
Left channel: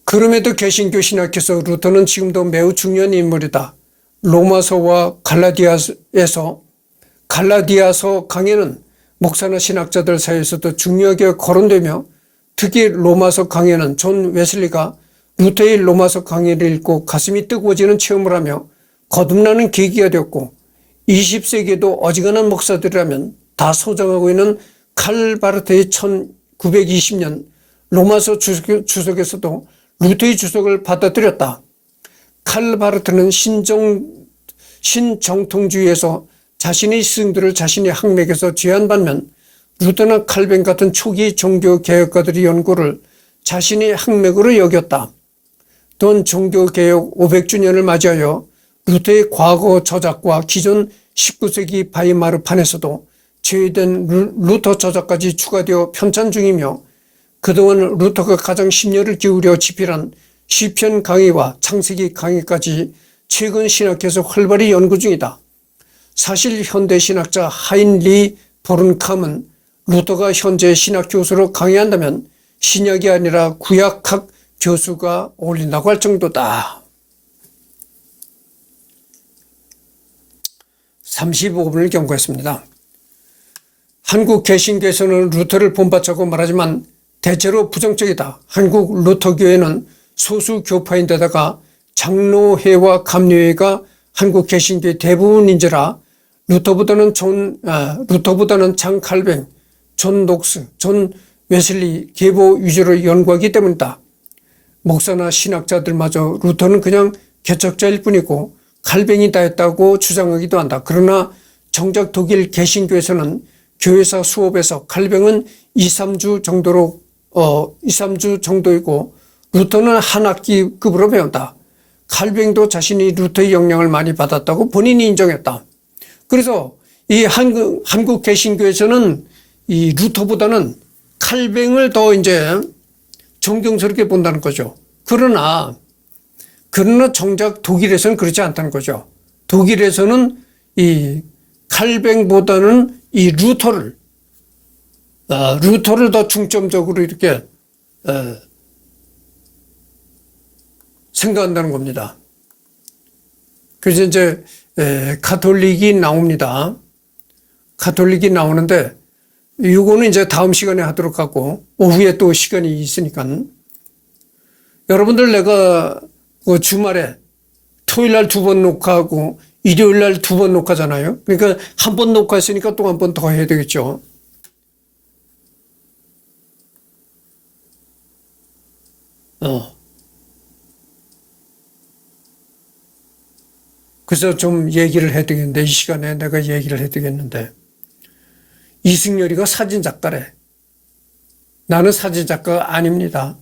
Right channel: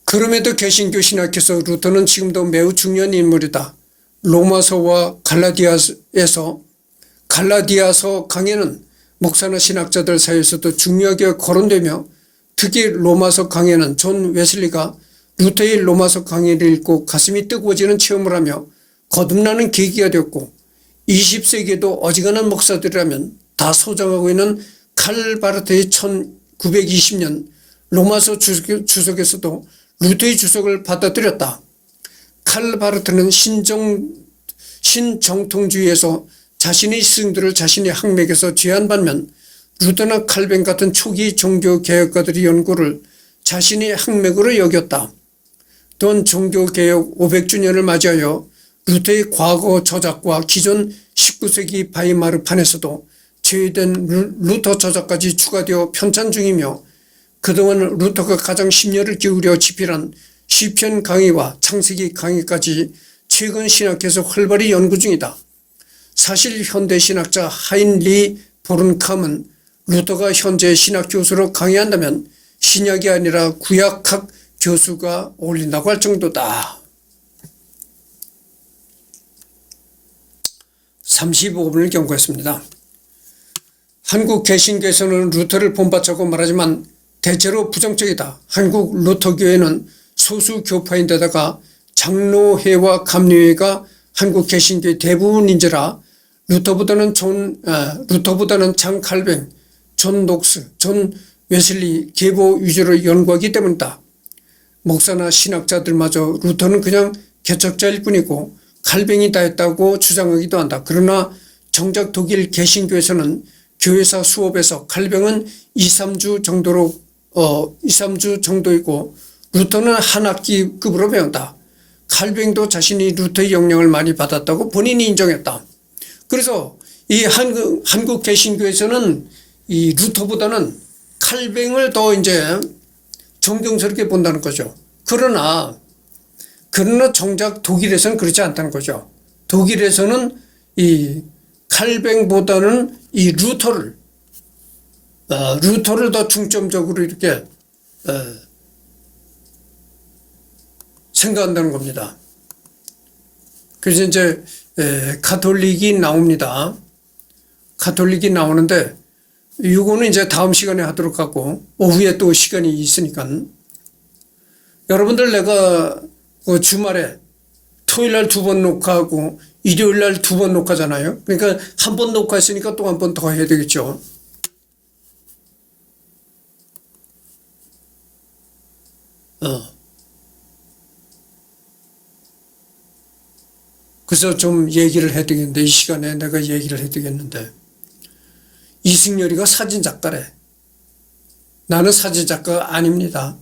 그럼에도 개신교 신학에서 루터는 지금도 매우 중요한 인물이다. 로마서와 갈라디아서 강해는 목사나 신학자들 사이에서도 중요하게 거론되며, 특히 로마서 강해는 존 웨슬리가 루터의 로마서 강해를 읽고 가슴이 뜨거워지는 체험을 하며 거듭나는 계기가 되었고, 20세기에도 어지간한 목사들이라면 다 소장하고 있는 칼 바르트의 1920년 로마서 주석에서도 루터의 주석을 받아들였다. 칼 바르트는 신정통주의에서 자신의 스승들을 자신의 학맥에서 제한 반면, 루터나 칼뱅 같은 초기 종교개혁가들의 연구를 자신의 학맥으로 여겼다. 또한 종교개혁 500주년을 맞이하여 루터의 과거 저작과 기존 19세기 바이마르판에서도 제외된 루터 저작까지 추가되어 편찬 중이며, 그동안 루터가 가장 심려를 기울여 집필한 시편 강의와 창세기 강의까지 최근 신학에서 활발히 연구 중이다. 사실 현대 신학자 하인리 보른캄은 루터가 현재 신학 교수로 강의한다면 신약이 아니라 구약학 교수가 어울린다고 할 정도다. 35분을 경고했습니다. 한국 개신교에서는 루터를 본받자고 말하지만 대체로 부정적이다. 한국 루터교회는 소수 교파인데다가 장로회와 감리회가 한국 개신교의 대부분인지라 루터보다는 장 칼뱅, 존 녹스, 존 웨슬리 계보 위주로 연구하기 때문이다. 목사나 신학자들마저 루터는 그냥 개척자일 뿐이고 칼뱅이다 했다고 주장하기도 한다. 그러나 정작 독일 개신교에서는 교회사 수업에서 칼뱅은 2, 3주 정도이고 루터는 한 학기급으로 배운다. 칼뱅도 자신이 루터의 영향을 많이 받았다고 본인이 인정했다. 그래서 이 한국 개신교에서는 이 루터보다는 칼뱅을 더 이제 존경스럽게 본다는 거죠. 그러나 정작 독일에서는 그렇지 않다는 거죠. 독일에서는 이 칼뱅보다는 이 루터를 더 중점적으로 이렇게 생각한다는 겁니다. 그래서 이제 가톨릭이 나옵니다. 가톨릭이 나오는데 이거는 이제 다음 시간에 하도록 하고 오후에 또 시간이 있으니까 여러분들 내가 그 주말에 토요일 날 2번 녹화하고 일요일 날 2번 녹화잖아요. 그러니까 한 번 녹화했으니까 또 한 번 더 해야 되겠죠. 그래서 좀 얘기를 해야 되겠는데 이 시간에 내가 얘기를 해야 되겠는데 이승열이가 사진작가래. 나는 사진작가가 아닙니다.